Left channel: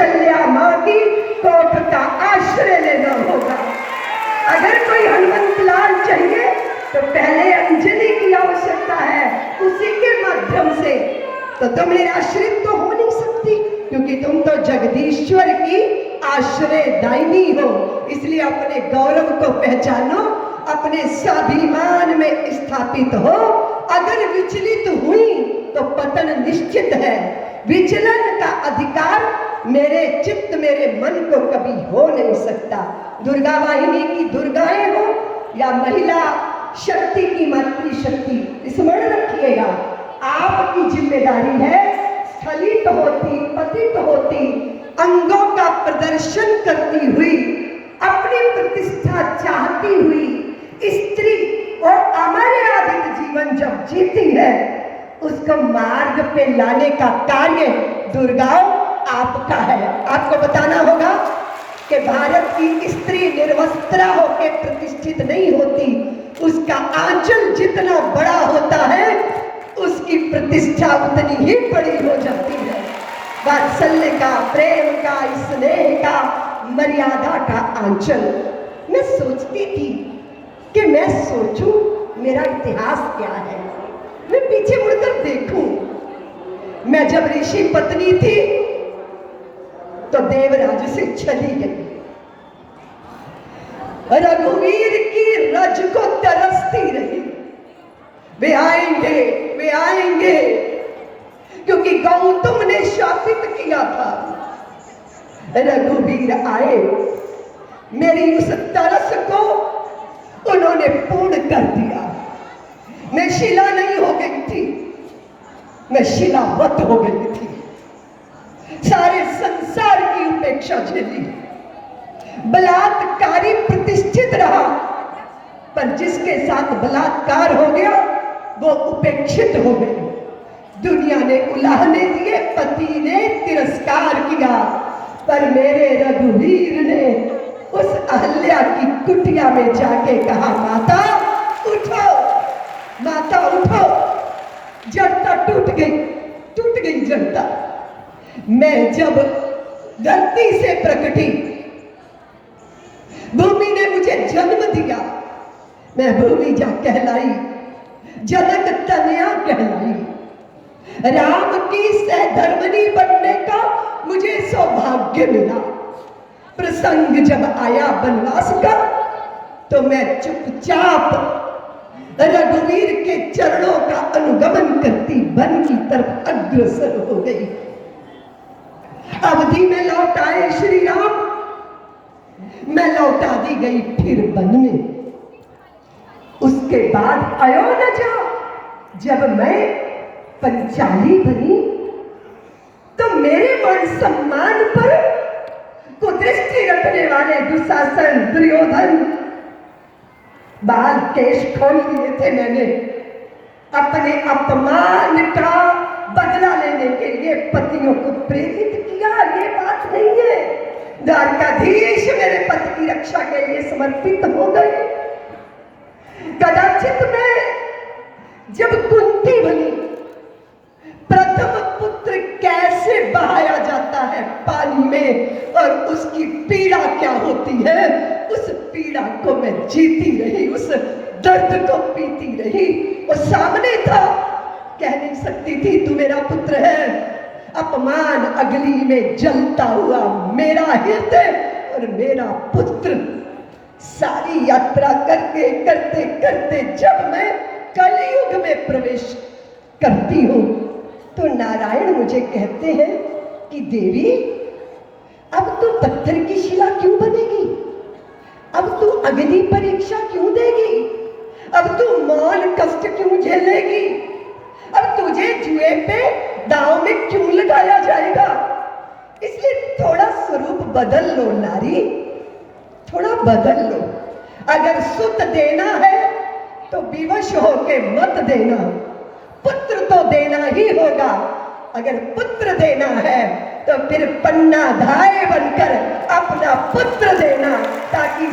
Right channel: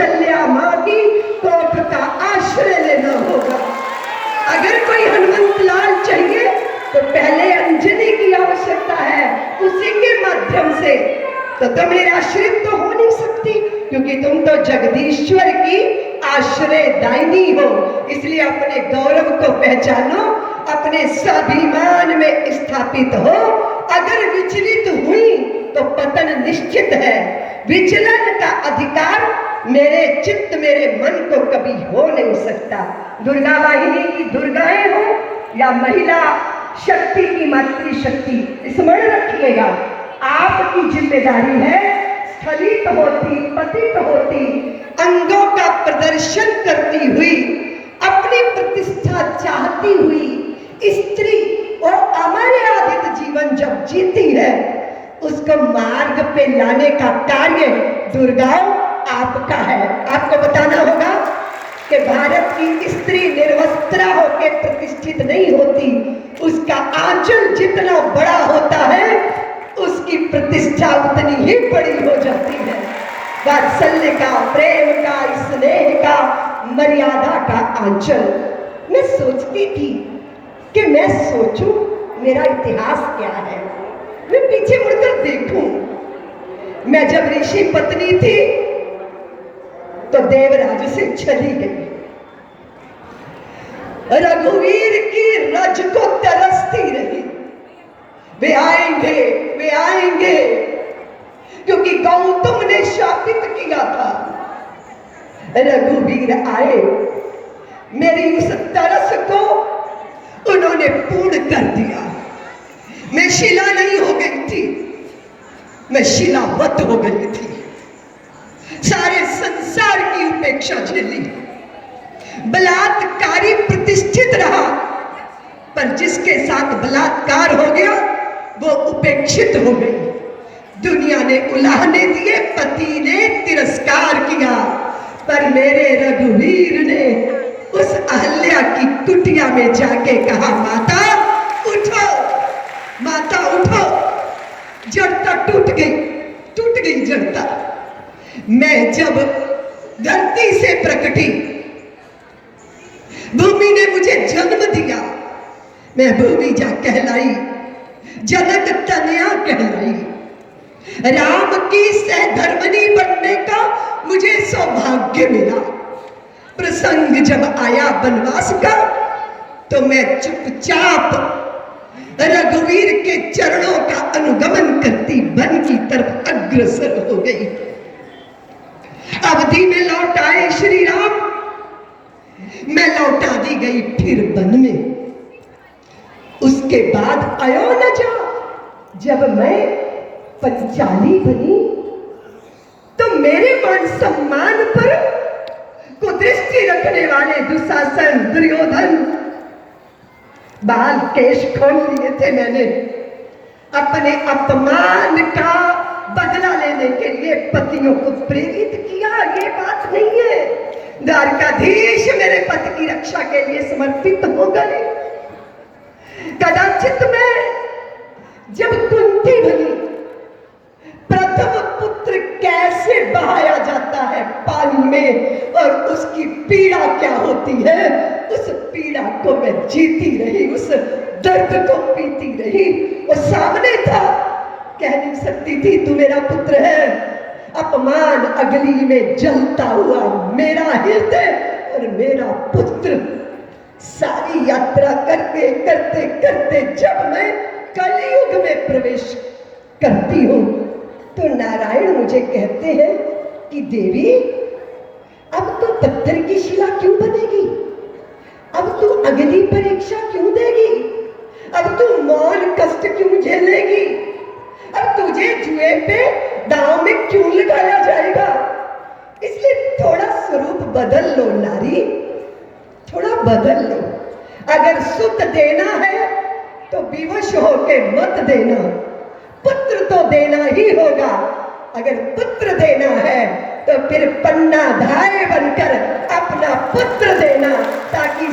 कौशल्या माँ की कोख का आश्रय लेना होगा। अगर कोई हनुमंत लाल चाहिए तो पहले अंजनी की आवश्यकता है, उसी के माध्यम से। तो तुम मेरे आश्रित तो हो नहीं सकती, क्योंकि तुम तो जगदीश्वर की आश्रयदायिनी हो। इसलिए अपने गौरव को पहचानो, अपने स्वाभिमान में स्थापित हो। अगर विचलित हुई तो पतन निश्चित है। विचलन का अधिकार मेरे चित्त मेरे मन को कभी हो नहीं सकता। दुर्गा वाहिनी की दुर्गाएं हो या महिला शक्ति की मातृशक्ति, स्मरण रखिएगा आपकी जिम्मेदारी है स्खलित होती, पतित होती, अंगों का प्रदर्शन करती हुई, अपनी प्रतिष्ठा चाहती हुई स्त्री और अमर्यादित जीवन जब जीती है, उसको मार्ग पे लाने का कार्य दुर्गाओं आपका है। आपको बताना होगा कि भारत की स्त्री निर्वस्त्रा होकर प्रतिष्ठित नहीं होती, उसका आंचल जितना बड़ा होता है उसकी प्रतिष्ठा उतनी ही बड़ी हो जाती है। वात्सल्य का, प्रेम का, स्नेह का, मर्यादा का आंचल। मैं सोचती थी कि मैं सोचूं मेरा इतिहास क्या है, मैं पीछे मुड़कर देखूं। मैं जब ऋषि पत्नी थी तो देवराज से चली गई, रघुवीर की रज को तरसती रही, वे आएंगे वे आएंगे, क्योंकि गौतम ने शापित किया था। रघुवीर आए, मेरी उस तरस को उन्होंने पूर्ण कर दिया। मैं शिला नहीं हो गई थी, मैं शिलावत हो गई थी। सारे संसार की उपेक्षा झेली, बलात्कारी प्रतिष्ठित रहा, पर जिसके साथ बलात्कार हो गया वो उपेक्षित हो गई। दुनिया ने उलाहने दिए, पति ने तिरस्कार किया, पर मेरे रघुवीर ने उस अहल्या की कुटिया में जाके कहा, माता उठो, माता उठो। जड़ता टूट गई जड़ता। मैं जब धरती से प्रकटी, भूमि ने मुझे जन्म दिया, मैं भूमि जा कहलाई, जनक तनया कहलाई। राम की सहधर्मिणी बनने का मुझे सौभाग्य मिला। प्रसंग जब आया वनवास का तो मैं चुपचाप रघुवीर के चरणों का अनुगमन करती वन की तरफ अग्रसर हो गई। अवधि में लौट आए श्री राम, मैं लौटा दी गई फिर वन में। उसके बाद आयो न जा, जब मैं पंचाली बनी तो मेरे मान सम्मान पर कुदृष्टि रखने वाले दुशासन, दुर्योधन बाल केश खोल लिए थे। मैंने अपने अपमान का बदला लेने के लिए पतियों को प्रेरित किया, ये बात नहीं है। द्वारकाधीश मेरे पति की रक्षा के लिए समर्पित हो गए। कदाचित मैं जब कुंती बनी, प्रथम पुत्र कैसे बहाया जाता है पानी में और उसकी पीड़ा क्या होती है, उस पीड़ा को मैं जीती रही, उस दर्द को पीती रही। वो सामने था, कह नहीं सकती थी तू मेरा पुत्र है। अपमान अगली में जलता हुआ मेरा हृदय और मेरा पुत्र। सारी यात्रा करते करते करते जब मैं कलयुग में प्रवेश करती हूँ तो नारायण मुझे कहते हैं कि देवी अब तू पत्थर की शिला क्यों बनेगी, अब तू अग्नि परीक्षा क्यों देगी, अब तू मौन कष्ट क्यों झेलेगी, अब तुझे जुए पे दांव में क्यों लगाया जाएगा। इसलिए थोड़ा स्वरूप बदल लो नारी, थोड़ा बदल लो। अगर सुत देना है तो विवश होके मत देना, पुत्र तो देना ही होगा। अगर पुत्र देना है तो फिर पन्ना धाय बनकर अपना पुत्र देना, ताकि